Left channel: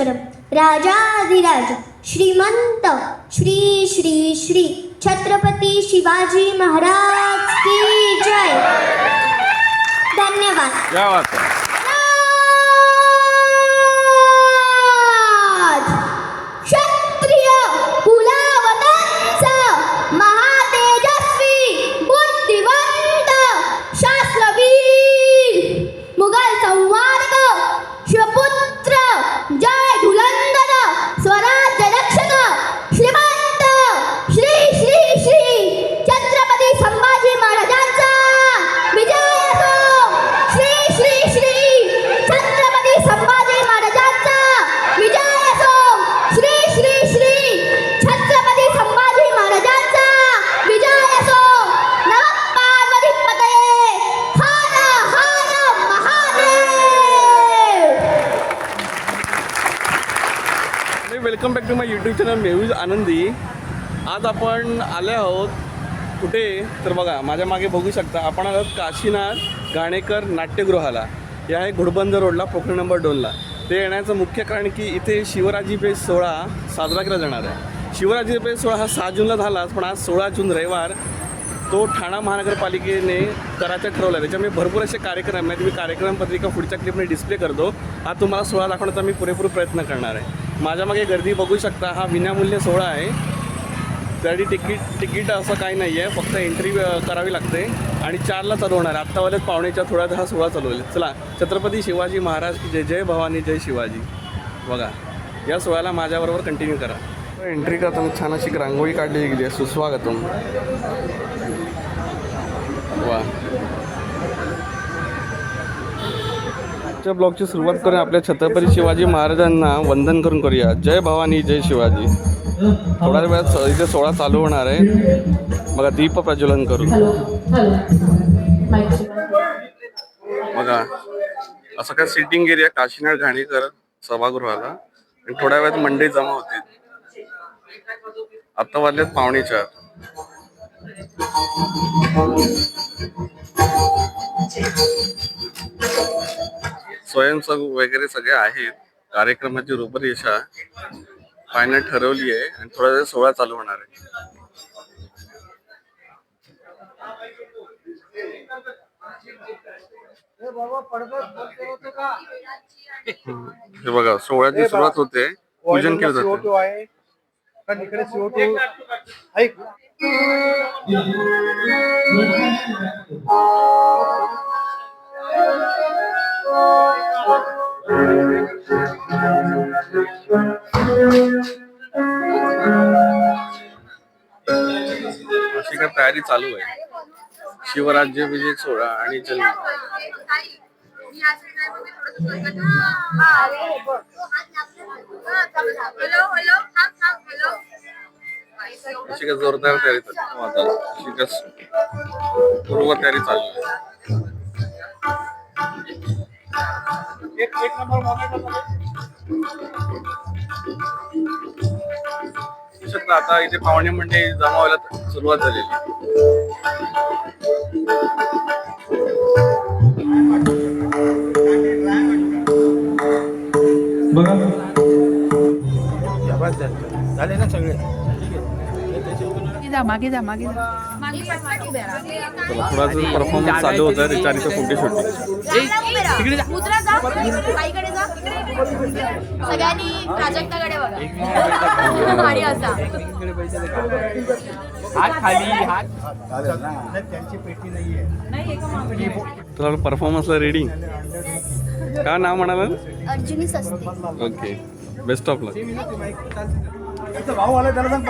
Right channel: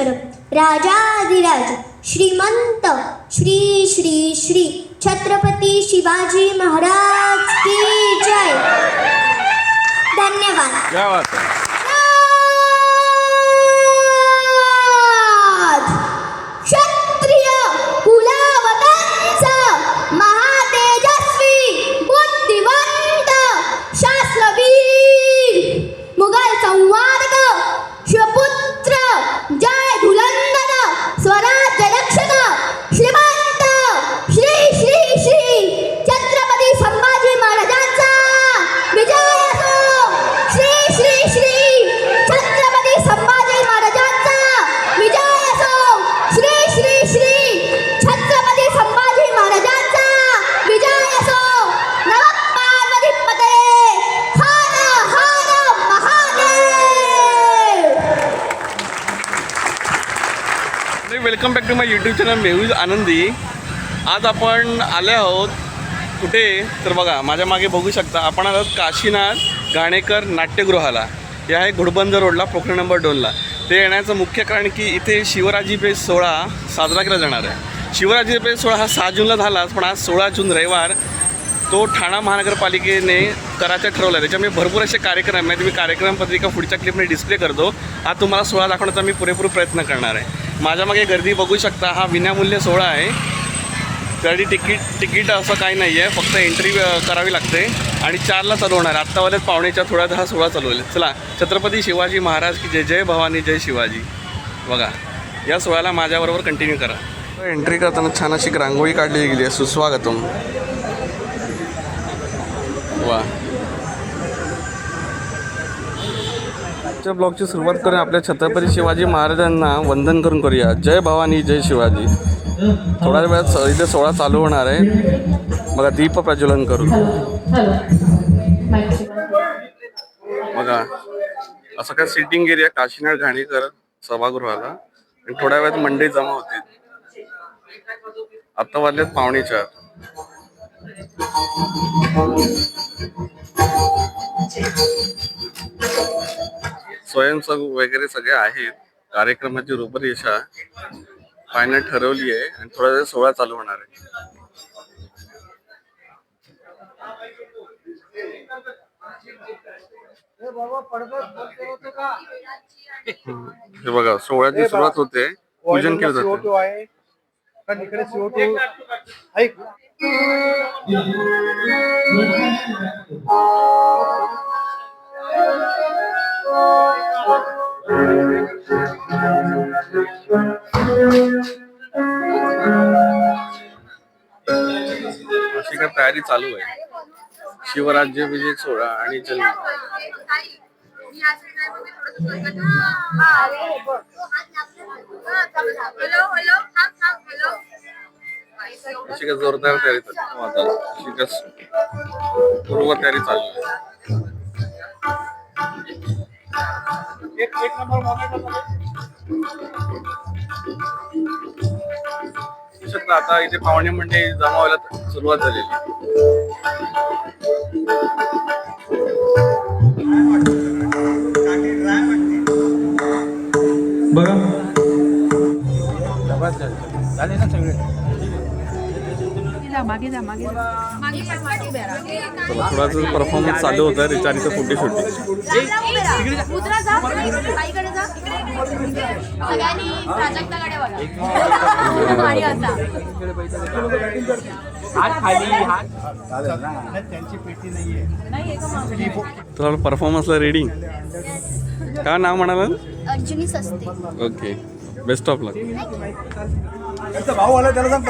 योगेश्वर राजाधिराज श्रीमंत श्री श्री श्री छत्रपती शिवाजी महाराज की जय. धन्यवाद. यूट्यूब चॅनल मेहूज आनंदी. आज आपण आले आहोत कुठे? तर बघा माझ्या मागे बघू शकता आपण आलो आहोत काशीनाथ गाणेकर नाट्यगृहाला. हे आहे घुडबंद रोडला पोखरी नंबर दोनला ते येण्याचं मुख्य कारण की इथे शिवराजी पेज सोहळा साजरा केला जाणार आहे. शिवराजी पेज सोहळा हा सहा जूनला झालाच पण आज सोळा जून रविवार तो ठाणा महानगरपालिकेने करायचा ठरवला आहे. त्याच्यामुळे भरपूर असे कार्यक्रम आहेत. मी कार्यक्रम पत्रिका पुढच्या क्लिपने डिस्प्ले करतो. आज तुम्हाला सोहळा दाखवण्याचा मी पुरेपूर प्रयत्न करणार आहे. माझ्यामागे गर्दी बघू शकता हा विनामूल्य सोहळा आहे. त्यासाठी तिकीट तिकीट असं काही नाही आहे फक्त एंट्री करावी लागते. आणि चारला चालू होणार आत्तावालेच पाहुणेच्या थोड्यात हा सोहळा चालू होईल चला छत्रपती शिवाजी महाराज की जय जय भवानी जय शिवाजी. बघा या सोहळ्याला माझ्याबरोबर कंटिन्यू करा. एंट्री करताना छान अशी रांगोळी काढली गेली आहे. सुस्वागतम वा आजच्या ब्लॉगची सुरुवात करून आपल्या छत्रपती शिवाजी महाराजांना वंदन करून करूया. जय भवानी जय शिवाजी. थोड्या वेळात इथे सोहळा चालू होणार आहे. बघा दीप प्रज्वलन करून. बघा असं काय सिटिंग एरिया काशीनाथ घाणेकर सभागृहाला. आणि थोड्या वेळात मंडई जमा होतील आता वाजलेत पावणे चार. स्वयंसेवक वगैरे सगळे आहेत. कार्यक्रमाची रूपरेषा फायनल ठरवली आहे आणि थोडा वेळ सोहळा चालू होणार आहे. हे बघा सोहळ्याची सुरुवात होते. पूजन केलं जातं. CO2 आहे. कारण इकडे CO2 ऐक. अशी काय तयारी चालू आहे? शिवराज्य सोहळा आणि जन्म अशी काय जोरदार तयारी चालू अशी काय पूर्व तयारी चालू आहे. एक एक नंबर मोमेंट शकता आता इथे पाहुणे म्हणजे जमावायला सुरुवात झालेली. आहे. झाले ना सगळे? जा मागे जा मागे चला थोडासा परफॉर्मन्स चालू होता त्याच्या आधी फोटो शूटिंग सगळ्यांनी प्राजक्ताकडे बघा. भारी असा. नाही, त्यांची पेटी नाहीये तुला परफॉर्मन्सला रेडी काय नाव म्हणाला? अर्जुनी सस्ते. ओके बेस्ट ऑफ लक भाऊ आला त्याला सांग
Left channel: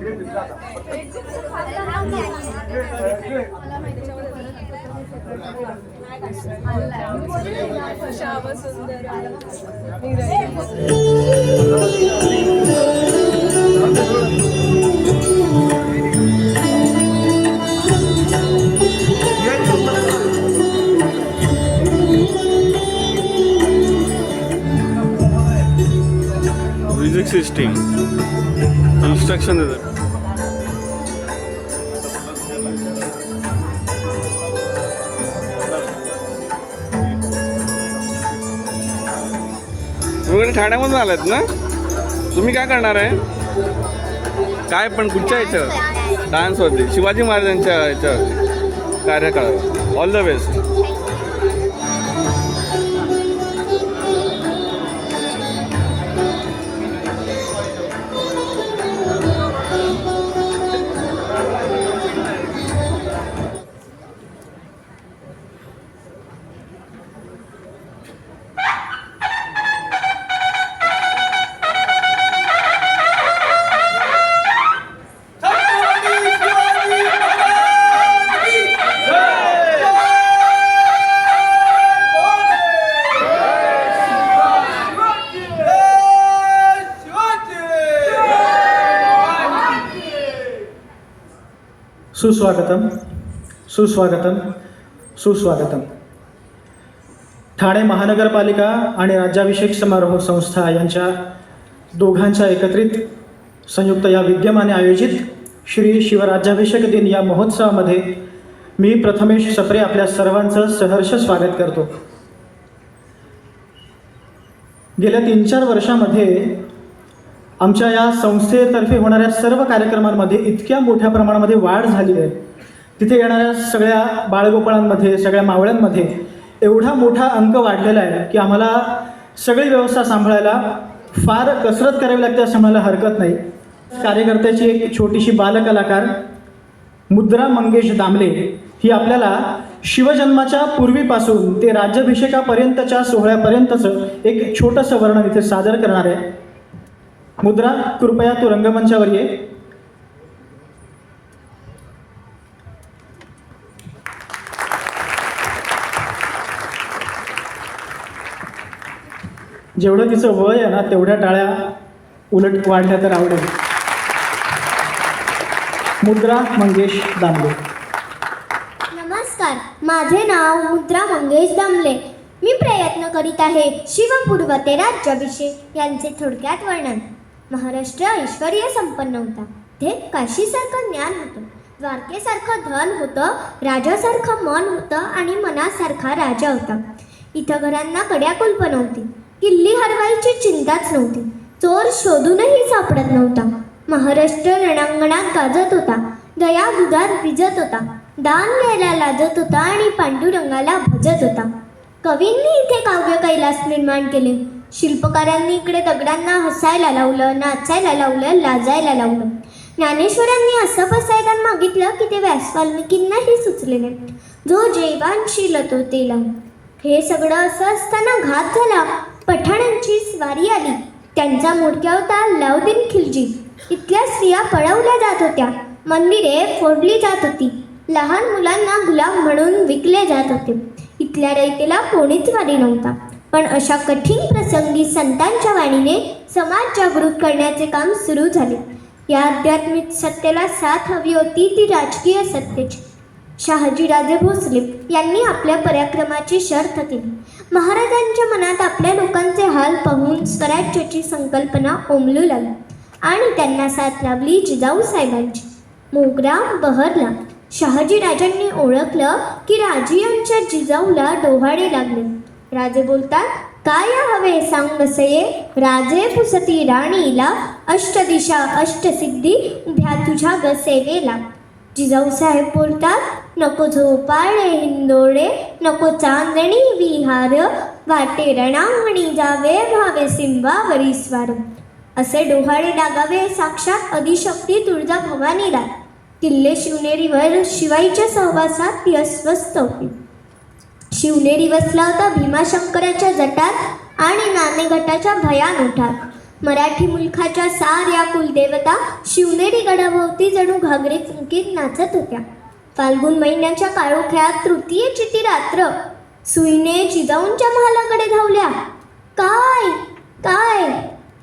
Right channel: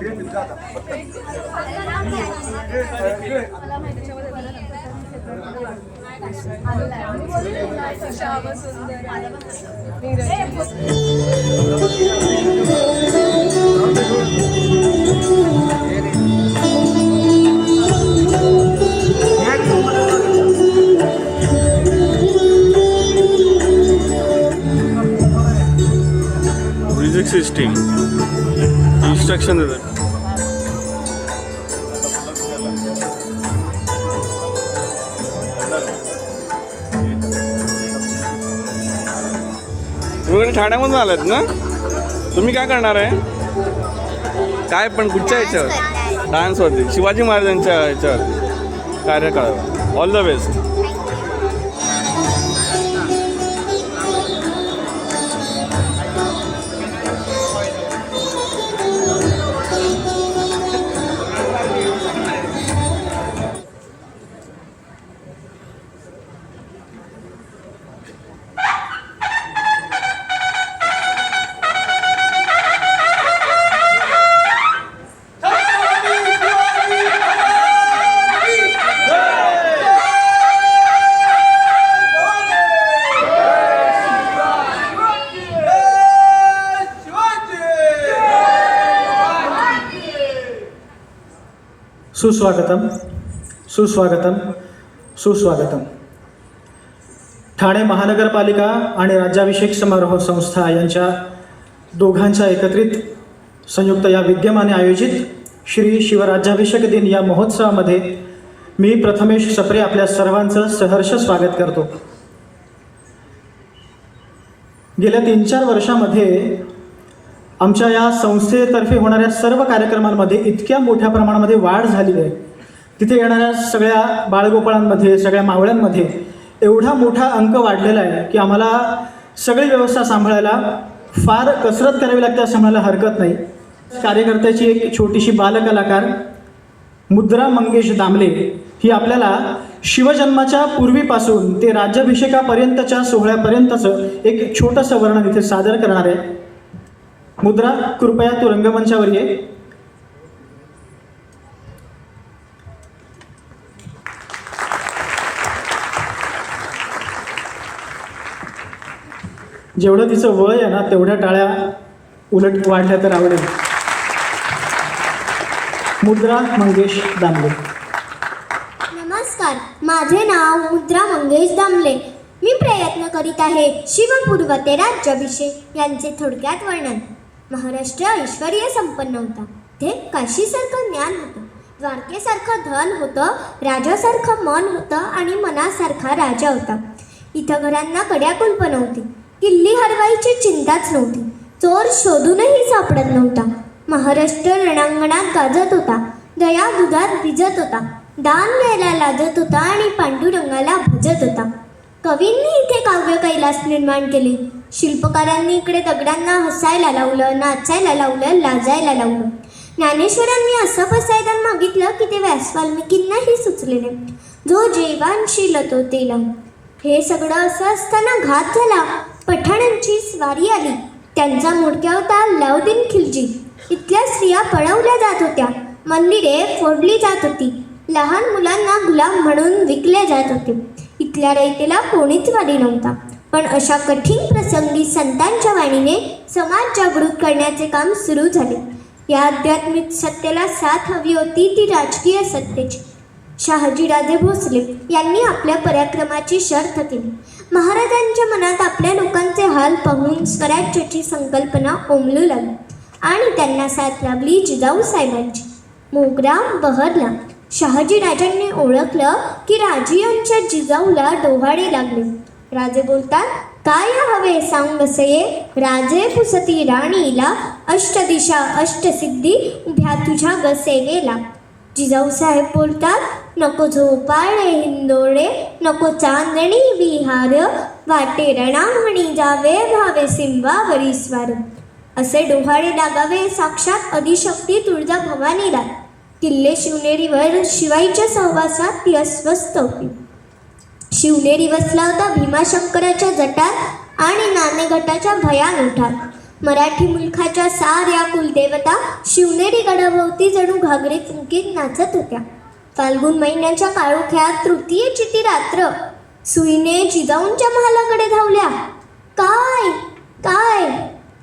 पकडा घेऊन ये. म्युझिक सिस्टीम इन्स्ट्रक्शन देतात तुम्ही ठाण्यामधून आलात ना तुम्ही काय करणार आहे काय पण कुठच्या ह्याच्यावर डान्सवरती शिवाजी महाराजांच्या ह्याच्यावरती कार्यकाळावर ऑल द बेस्ट सुस्वागतम सुस्वागतम सुस्वागतम. ठाणे महानगरपालिका आणि राज्याभिषेक समारोह संस्था यांच्या दोघांच्या एकत्रित संयुक्त या विद्यमाने आयोजित श्री शिवराज्याभिषेक दिन या महोत्सवामध्ये मी प्रथमेश सप्रे आपल्या सर्वांचं सहर्ष स्वागत करतो. गेल्या तीन चार वर्षामध्ये आमच्या या संस्थेतर्फे होणाऱ्या सर्व कार्यक्रमांमध्ये इतक्या मोठ्या प्रमाणामध्ये वाढ झाली आहे. तिथे येणाऱ्या सगळ्या बाळगोपाळांमध्ये सगळ्या मावळ्यांमध्ये एवढा मोठा अंक वाढलेला आहे की आम्हाला सगळी व्यवस्था सांभाळायला फार कसरत करावी लागते असं मला हरकत नाही. कार्यकर्त्याची एक छोटीशी बालकलाकार मुद्रा मंगेश दामले ही आपल्याला शिवजन्माच्या पूर्वीपासून ते राज्याभिषेकापर्यंतच्या सोहळ्यापर्यंतचं एक छोटंसं वर्णन इथे सादर करणार आहे. मुद्रा कृपया तू रंगमंचावर ये. जेवढं तिचं वय आहे ना तेवढ्या टाळ्या उलट वाढल्या तर आवडेल. मुद्रा मंगेश दामले. नमस्कार माझे नाव मुद्रा मंगेश दामले. मी प्रयत्न करीत आहे शिवपूर्व ते राज्याभिषेक यांचे थोडक्यात वर्णन. महाराष्ट्र ऐश्वर्य संपन्न होता. ते काशीसारखं ज्ञान होतं द्वारकेसारखं धन होतं राजासारखं मन होतं आणि मनासारखा राजा होता. इथं घरांना कड्या कुलप नव्हती. किल्ली हरवायची चिंताच नव्हती. चोर शोधूनही सापडत नव्हता. महाराष्ट्र रणांगणात गाजत होता. दया दुधात भिजत होता. दान द्यायला लाजत होता आणि पांडुरंगाला भजत होता. कवींनी इथे काव्य कैलास निर्माण केले. शिल्पकारांनी इकडे दगडांना हसायला लावलं नाचायला लावलं लाजायला लावलं. ज्ञानेश्वरांनी असं बसायला मागितलं की ते व्यास वाल्मिकींनाही जो जेवानशील तो तेला हे सगळं असं असताना घात झाला. पठाणांची स्वारी आली. त्यांचा मोडक्या होता लवदीन खिलजी. इथल्या स्त्रिया पळवल्या जात होत्या. मंदिरे फोडली जात होती. लहान मुलांना गुलाम म्हणून विकले जात होते. इथल्या रयतेला कोणीच वाली नव्हता. पण अशा कठीण प्रसंगी संतांच्या वाणीने समाज जागृत करण्याचे काम सुरू झाले. या आध्यात्मिक सत्तेला साथ हवी होती ती राजकीय सत्तेची. शहाजीराजे भोसले यांनी आपल्या पराक्रमाची शर्थ केली महाराजांच्या मनात आपल्या लोकांचे हाल पाहून स्वराज्याची संकल्पना ओमलू लागली आणि त्यांना साथ लाभली जिजाऊ साहेबांची. मोगरा बहरला. शहाजीराजांनी ओळखलं की राजियांच्या जिजाऊला डोहाळे लागले. राजे बोलतात काय हवे सांग बसये राजे फुसती राणीला अष्टदिशा अष्टसिद्धी उभ्या तुझ्या बसेवेला जिजाऊसाहेब जिजाऊ साहेब बोलतात नको झोपाळे हिंदोळे नको चांदणी विहार वाटे रणांगणी जावे व्हावे सिंबावरी स्वार. असे डोहाळे डागावे साक्षात अधिशक्ती तुळजा भवानीला. किल्ले शिवनेरीवर शिवाईच्या सहवासात ती अस्वस्थ होती. शिवनेरी वसला होता भीमाशंकराच्या जटात आणि नाणेघटाच्या भयान उठात मराठी मुलखाच्या साऱ्या कुलदेवता शिवनेरी गडाभोवती जणू घागरी चुंकीत नाचत होत्या. फाल्गुन महिन्याच्या काळोख्यात तृतीयेची ती रात्र सुईने जिजाऊंच्या महालाकडे धावल्या. काय? काय?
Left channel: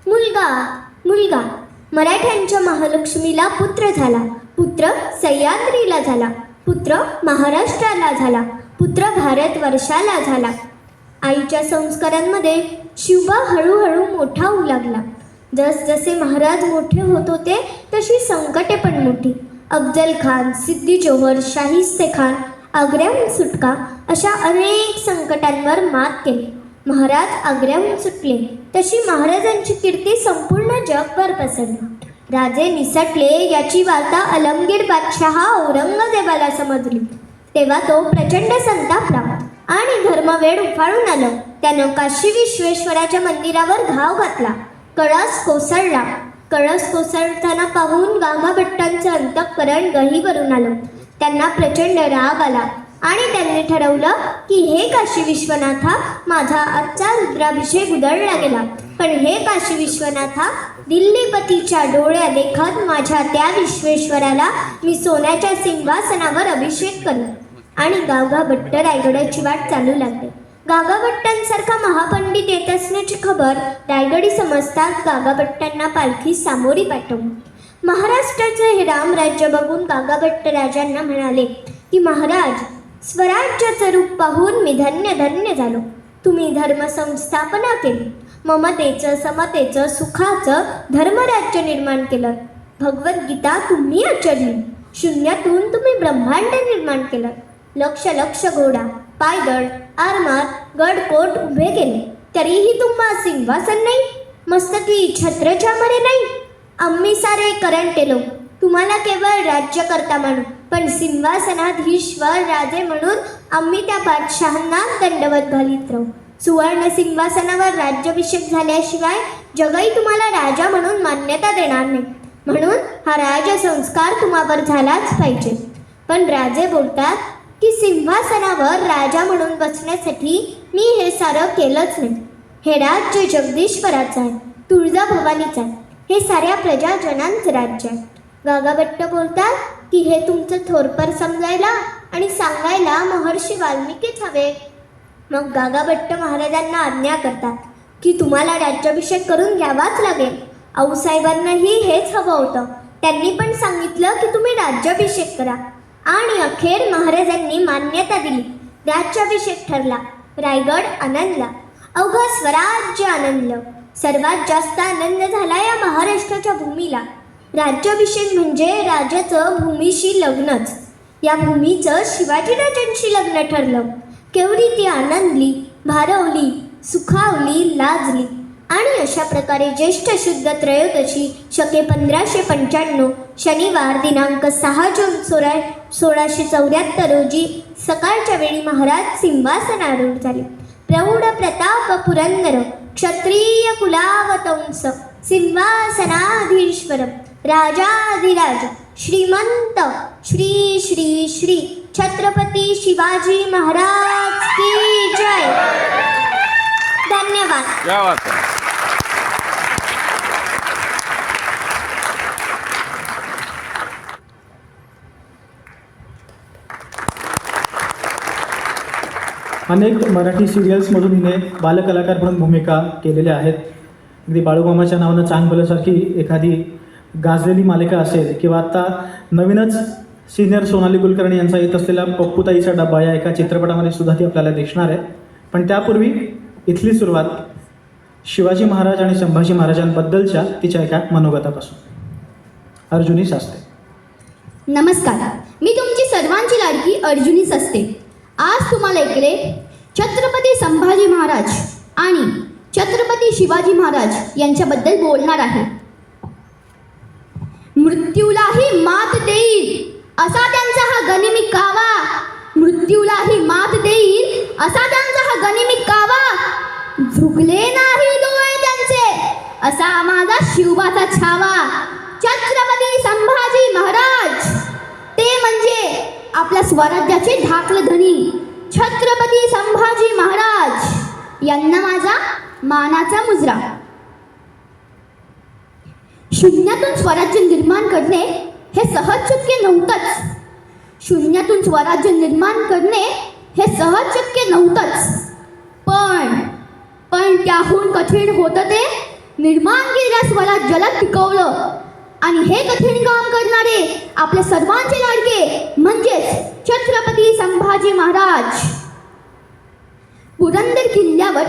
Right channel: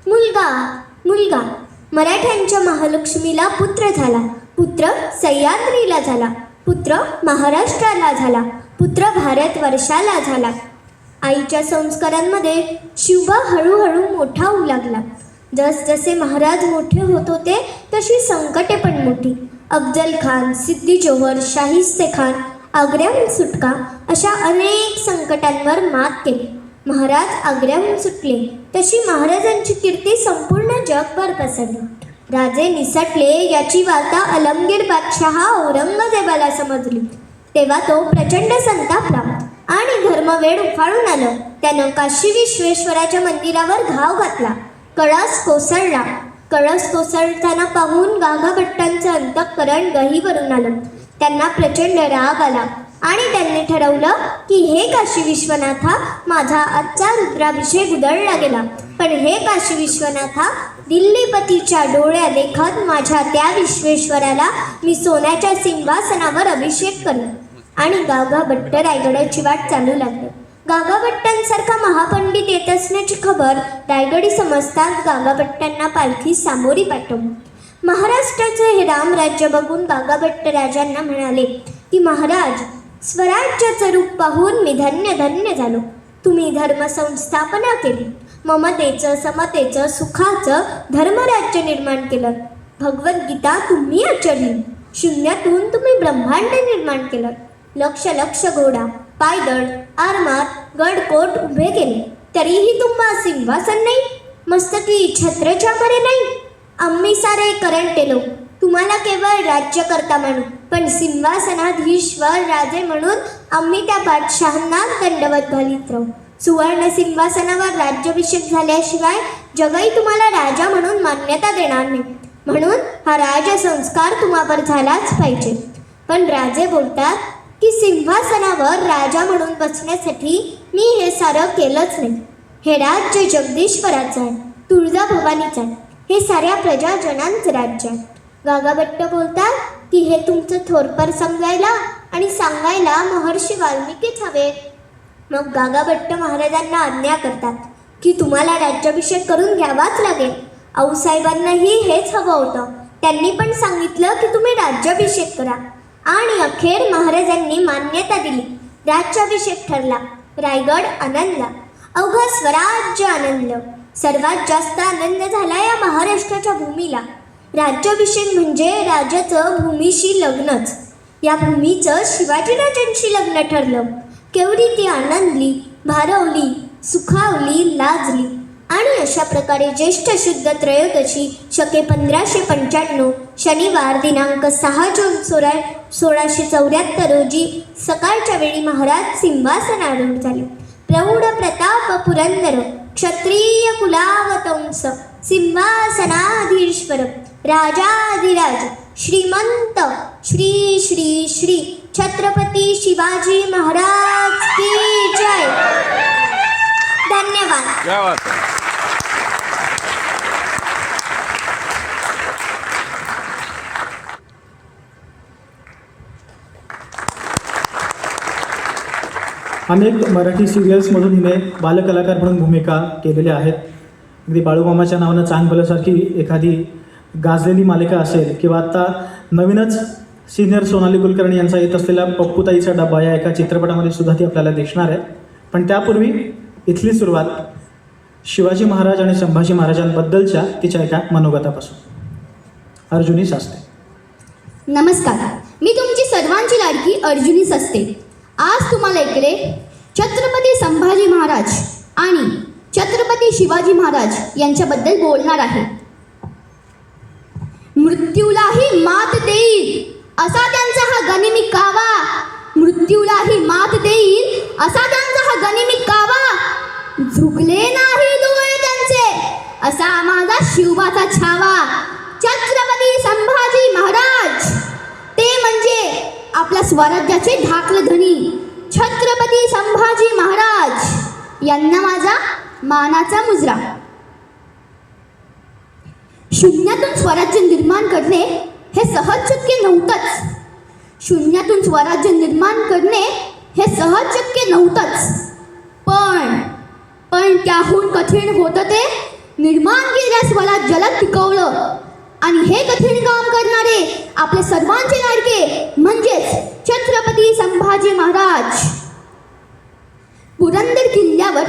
मुलगा? मुलगा? मराठ्यांच्या महालक्ष्मीला पुत्र झाला. पुत्र सह्याद्रीला झाला. पुत्र महाराष्ट्राला झाला. पुत्र भारतवर्षाला झाला. आईच्या संस्कारांमध्ये शिवबा हळूहळू मोठा होऊ लागला. जसजसे महाराज मोठे होत होते तशी संकटे पण मोठी. अफजल खान सिद्धी जोहर शाहिस्ते खान आग्र्याहून सुटका अशा अनेक संकटांवर मात केली. महाराज आग्र्याहून सुटले तशी महाराजांची कीर्ती संपूर्ण जगभर पसरली. राजे निसटले याची वार्ता अलमगीर बादशहा औरंगजेबाला समजली. तेव्हा तो प्रचंड संतापला आणि धर्मवेळ उफाळून आलं. त्यानं काशी विश्वेश्वराच्या मंदिरावर घाव घातला. कळस कोसळला. कळस कोसळताना पाहून गांगाभट्टांचं अंतःकरण गहीवरून आलं. त्यांना प्रचंड राग आला. आणि त्यांनी ठरवलं की हे काशी विश्वनाथा माझा आजचा रुद्राभिषेक उधळला गेला. पण हे काशी विश्वनाथा दिल्लीपतीच्या डोळ्या देखत माझ्या त्या विश्वेश्वराला मी सोन्याच्या सिंहासनावर अभिषेक करेन आणि गागा भट्ट रायगडाची वाट चालू लागली. गागाभट्टांसारखा महापंडित येत असण्याची खबर रायगडी समजताच गागाभट्टांना पालखी सामोरी पाठवली. महाराष्ट्राचे हे रामराज्य बघून गागाभट्ट राजांना म्हणाले की महाराज स्वराज्याचं रूप पाहून मी धन्य धन्य झालो. तुम्ही धर्म संस्थापना केली. ममतेचं समतेचं सुखाचं धर्मराज्य निर्माण केलं. भगवद्गीता तुम्ही आचरली. शून्यातून तुम्ही ब्रह्मांड निर्माण केलं. लक्ष लक्ष घोडा पायदळ आरमार गडकोट उभे केले. तरीही तुम्हा सिंहासन नाही. मस्तकी छत्रचामरे नाही. आम्ही सारे करंटे केलो तुम्हाला केवळ राज्यकर्ता मानू. पण सिंहासनाधीश्वर राजे म्हणून आम्ही त्या बादशहांना दंडवत घालीत राहू. सुवर्ण सिंहासनावर राज्याभिषेक झाल्याशिवाय जगही तुम्हाला राजा म्हणून मान्यता देणार नाही. म्हणून हा राजसंस्कार तुम्हावर झालाच पाहिजे. पण राजे बोलतात की सिंहासनावर राजा म्हणून बसण्यासाठी मी हे सारं केलंच नाही. हे राज्य जगदीश्वराचं आहे तुळजाभवानीचं आहे. हे साऱ्या प्रजाजनांचं राज्य आहे. गागाभट्ट बोलतात की हे तुमचं थोरपर समजायला आणि सांगायला महर्षी वाल्मिकीच हवे. मग गागाभट्ट महाराजांना आज्ञा करतात की तुम्हाला राज्याभिषेक करून घ्यावाच लागेल. आऊसाहेबांनाही हेच हवं होतं. त्यांनी पण सांगितलं की तुम्ही राज्याभिषेक करा. आणि अखेर महाराजांनी मान्यता दिली. राज्याभिषेक ठरला. रायगड आनंदला अवघं स्वराज्य आनंद. सर्वात जास्त आनंद झाला या महाराष्ट्राच्या भूमीला. राज्याभिषेक म्हणजे राजाचं भूमीशी लग्नच. या भूमीचं शिवाजीराजांशी लग्न ठरलं. केवढी ती आनंदली भारवली सुखावली लाजली आणि अशा प्रकारे ज्येष्ठ शुद्ध त्रयोदशी शके पंधराशे पंच्याण्णव शनिवार दिनांक सहा जून सोळा सोळाशे चौऱ्याहत्तर रोजी सकाळच्या वेळी महाराज सिंहासन आरूढ झाले. प्रौढ प्रताप पुरंदर क्षत्रिय कुलावतंस सिंहासनाधीश्वर. राजाधिराज श्रीमंत श्री श्री श्री छत्रपती शिवाजी महाराज की जय. धन्यवाद. क्या बात आहे अनेक मराठी सिरियल्समधून हिने बालकलाकार म्हणून भूमिका केलेल्या आहेत. अगदी बाळूमामाच्या नावानं चांगभल्यासारखी एखादी गाजलेली मालिका असेल किंवा आत्ता नवीनच सिनियर सोनाली कुलकर्णी यांचा येत असलेला पप्पूताईचा डब्बा या एका चित्रपटामध्ये सुद्धा ती आपल्याला दिसणार आहे. पण त्यापूर्वी इथली सुरुवात शिवाजी महाराज आणि संभाजी महाराजांबद्दलच्या तिच्या एका मनोगतापासून. अर्जुनी सासते. नमस्कार. मी तुमची सर्वांची लाडकी अर्जुनीच असते आज तुम्हाला इकडे छत्रपती संभाजी महाराज आणि छत्रपती शिवाजी महाराज यांच्याबद्दल बोलणार आहे. मृत्यूलाही मात देईल. असा त्यांचा हा गनिमी कावा. मृत्यूलाही मात देईल. असा त्यांचा हा गनिमी कावा. झुकले नाही डोळे त्यांचे. असा माझा शिवबाचा छावा. छत्रपती संभाजी महाराज. ते म्हणजे आपल्या स्वराज्याचे ढाकल धनी छत्रपती संभाजी महाराज. यांना माझा मानाचा मुजरा. शून्यातून स्वराज्य निर्माण करणे हे सहज शक्य नव्हतंच. शून्यातून स्वराज्य निर्माण करणे हे सहज शक्य नव्हतंच. पण पण त्याहून कठीण होतं ते? निर्माण केलेल्या स्वराज्याला टिकवलं आणि हे कठीण काम करणारे आपले सर्वांचे लाडके म्हणजेच छत्रपती संभाजी महाराज. पुरंदर किल्ल्यावर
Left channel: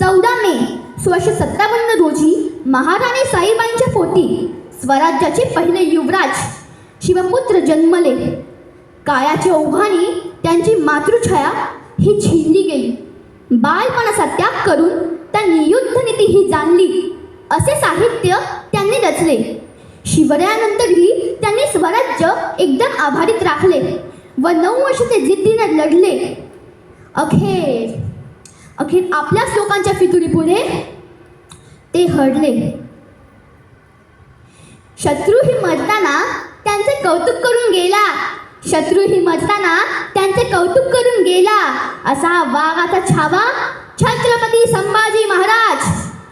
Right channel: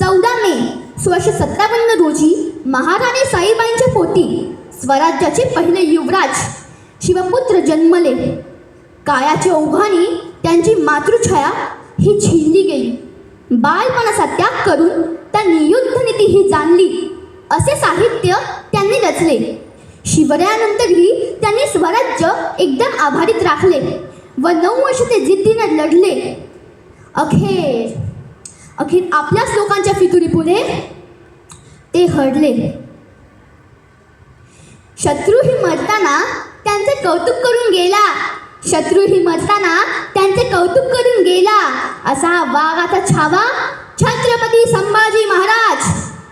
चौदा मे सोळाशे सतरा स्वराज्याचे पहिले युवराज शिवपुत्र जन्मले. काळाच्या ओघाने त्यांची मातृछाया ही झिलली गेली. बालपणाचा त्याग करून त्यांनी युद्धनीती ही जाणली. असे साहित्य त्यांनी रचले. शिवरायानंतरही त्यांनी स्वराज्य एकदम आभारीत राखले व नऊ वर्ष ते जिद्दीने लढले. अखेर अखेर आपल्याच लोकांच्या फितुरीपुढे ते हडले शत्रू शत्रूही मरताना त्यांचे कौतुक करून गेला. शत्रूही मरताना त्यांचे कौतुक करून गेला. असा वाघाचा छावा छत्रपती संभाजी महाराज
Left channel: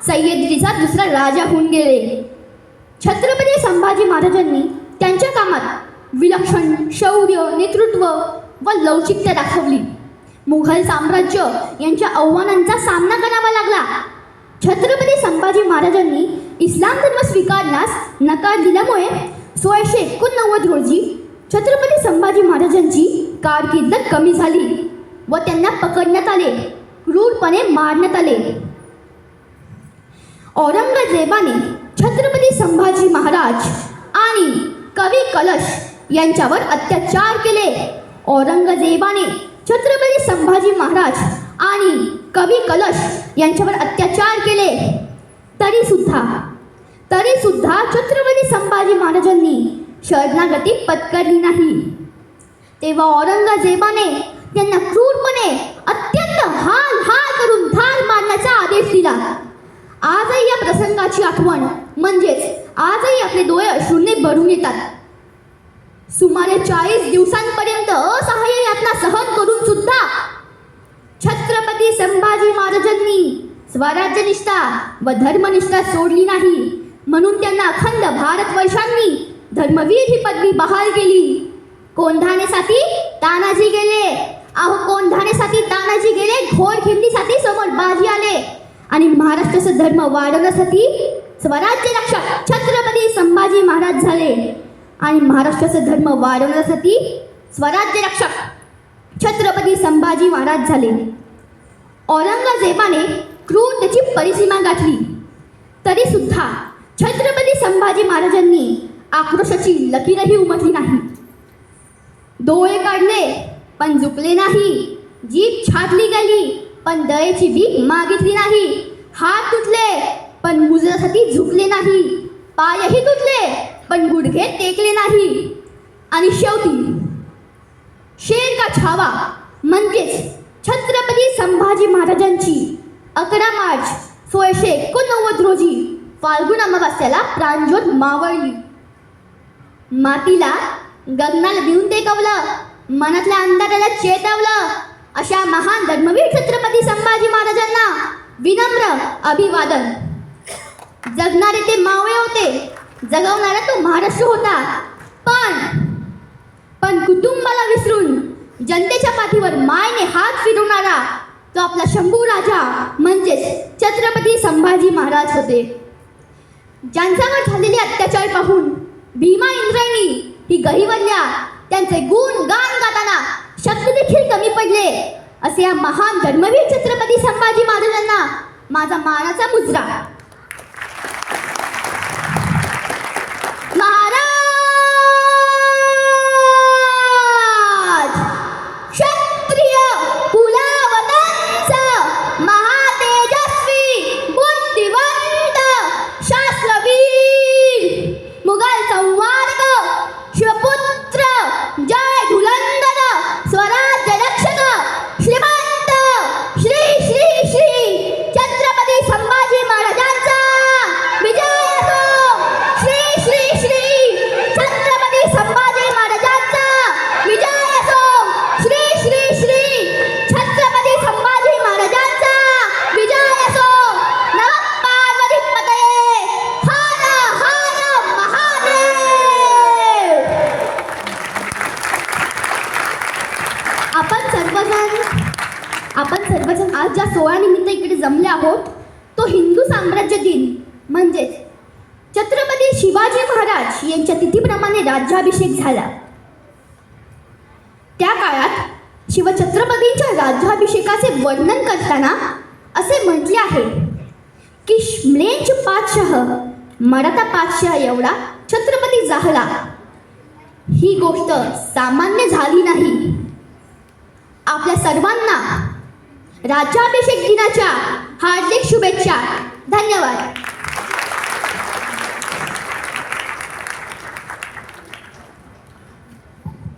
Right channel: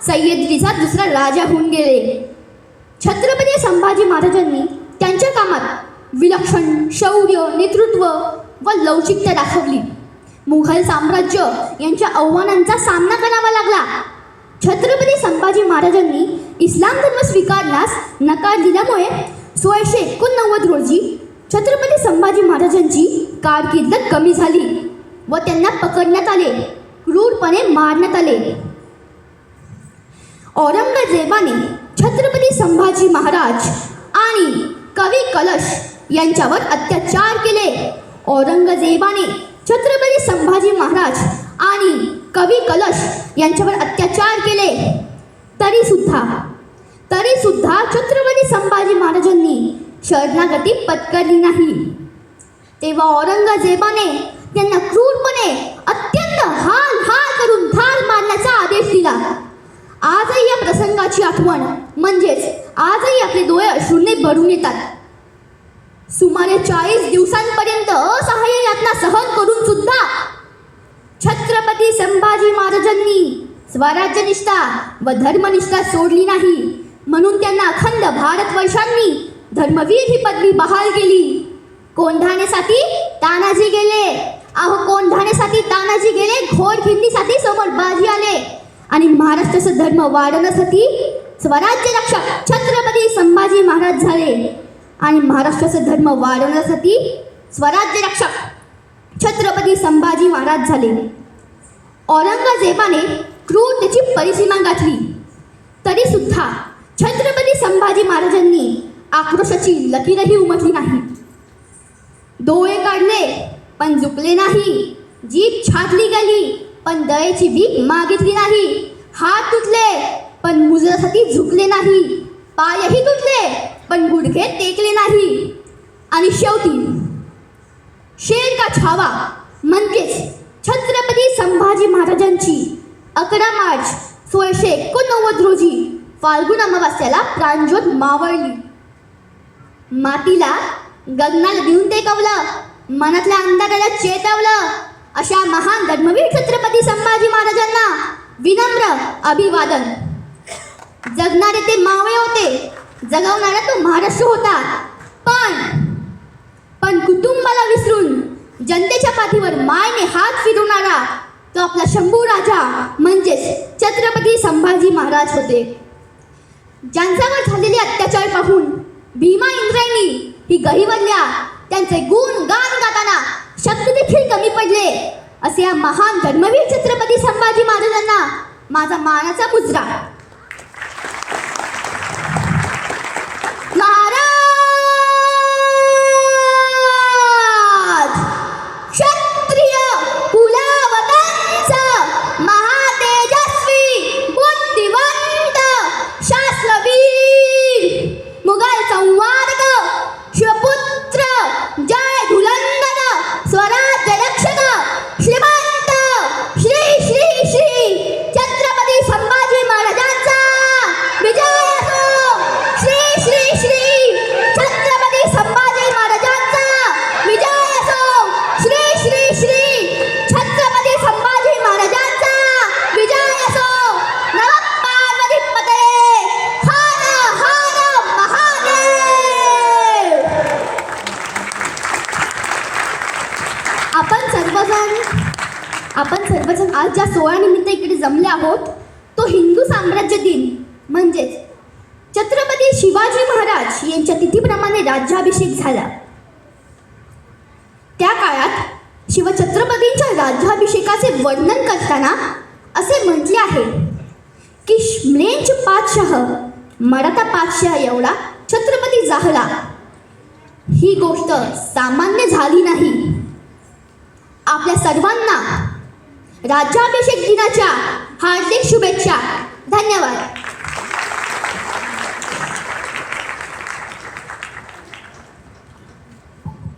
सह्याद्रीचा दुसरा राजा होऊन गेले. छत्रपती संभाजी महाराजांनी त्यांच्या कामात विलक्षण शौर्य नेतृत्व व लवचिकता दाखवली. मुघल साम्राज्य यांच्या आव्हानांचा सामना करावा लागला. छत्रपती संभाजी महाराजांनी इस्लाम धर्म स्वीकारण्यास नकार दिल्यामुळे सोळाशे एकोणनव्वद रोजी छत्रपती संभाजी महाराजांची कारकीर्द कमी झाली व त्यांना पकडण्यात आले क्रूरपणे मारण्यात आले. औरंगजेबाने छत्रपती संभाजी महाराज आणि कवी कलश यांच्यावर अत्याचार केले. औरंगजेबाने छत्रपती संभाजी महाराज आणि कवी कलश यांच्यावर अत्याचार केले. तरी सुद्धा तरी सुद्धा छत्रपती संभाजी महाराजांनी शरणागती पत्करली नाही. तेव्हा औरंगजेबाने त्यांना क्रूरपणे अत्यंत हाल हाल करून ठार मारण्याचा आदेश दिला. आजही या प्रसंगाची आठवण म्हणजेच आजही आपले डोळे अश्रूने भरून येतात. सुमारे चाळीस दिवसांपर्यंत असहाय्य यातना सहन करून सुद्धा छत्रपती संभाजी महाराजांनी स्वराज्यनिष्ठा व धर्मनिष्ठा सोडली नाही. म्हणून त्यांना अखंड भारतवर्षांनी धर्मवीर ही पदवी बहाल केली. कोंढाण्यासाठी तानाजी गेले. अहो कोंढाण्यासाठी तानाजी गेले. घोर खिंडीसाठी समोर बाजी आले. आणि महाराष्ट्राचं धर्म वाढवण्यासाठी स्वराज्य रक्षक छत्रपती संभाजी महाराज झाले. आणि महाराष्ट्राचं धर्म वाढवण्यासाठी स्वराज्य रक्षक छत्रपती संभाजी महाराज झाले. औरंगजेबाने क्रूरतेची परिसीमा गाठली. तरी सुद्धा छत्रपती संभाजी महाराजांनी आक्रोशाची लकीरही उमटली नाही. डोळे काढले पण झुकले नाही. जीभ छाटली गेली पण दयेची भीक मागितली नाही. हात तुटले पण मुजरासाठी झुकले नाही. पायही तुटले पण गुडघे टेकले नाही. आणि शेवटी शेर का छावा? म्हणजेच छत्रपती संभाजी महाराजांची अकरा मार्च सोळाशे एकोणनव्वद रोजी फाल्गुन अमावास्याला प्राणज्योत मावळली. मातीला गगनाला देऊन टेकवलं मनातल्या अंधाराला चेतवलं. अशा महान धर्मवीर छत्रपती संभाजी महाराजांना विनम्र अभिवादन. जगणारे ते मावळे होते जगवणारा तो महाराष्ट्र होता. पण पण कुटुंबाला विसरून जनतेच्या पाठीवर मायने हात फिरवणारा तो आपला शंभू राजा म्हणजेच छत्रपती संभाजी महाराज होते. ज्यांच्यावर झालेले अत्याचार पाहून भीमा इंद्रायणी ही गहिवल्ल्या त्यांचे गुण गान गाताना शब्द देखील कमी पडले असे या महान धर्मवीर छत्रपती संभाजी महाराज म्लेंच मराठा पातशाह एवढा छत्रपती झाला. ही गोष्ट सामान्य झाली नाही. आपल्या सर्वांना राज्याभिषेक दिनाच्या हार्दिक शुभेच्छा. धन्यवाद.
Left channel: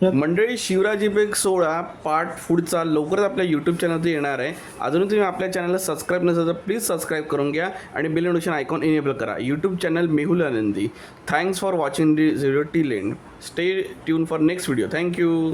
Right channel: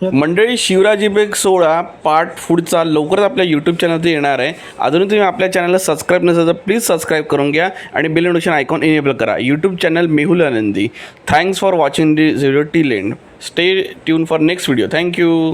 मंडळी शिवराजी बेग सोळा पार्ट फूडचा लवकरच आपल्या यूट्यूब चॅनलवर येणार आहे. अजूनही तुम्ही आपल्या चॅनलला सबस्क्राईब नसेल तर प्लीज सबस्क्राईब करून घ्या आणि बेल नोटिफिकेशन आयकॉन इनेबल करा. YouTube channel Mehul Anandi. Thanks for watching the video till end stay tuned for next video thank you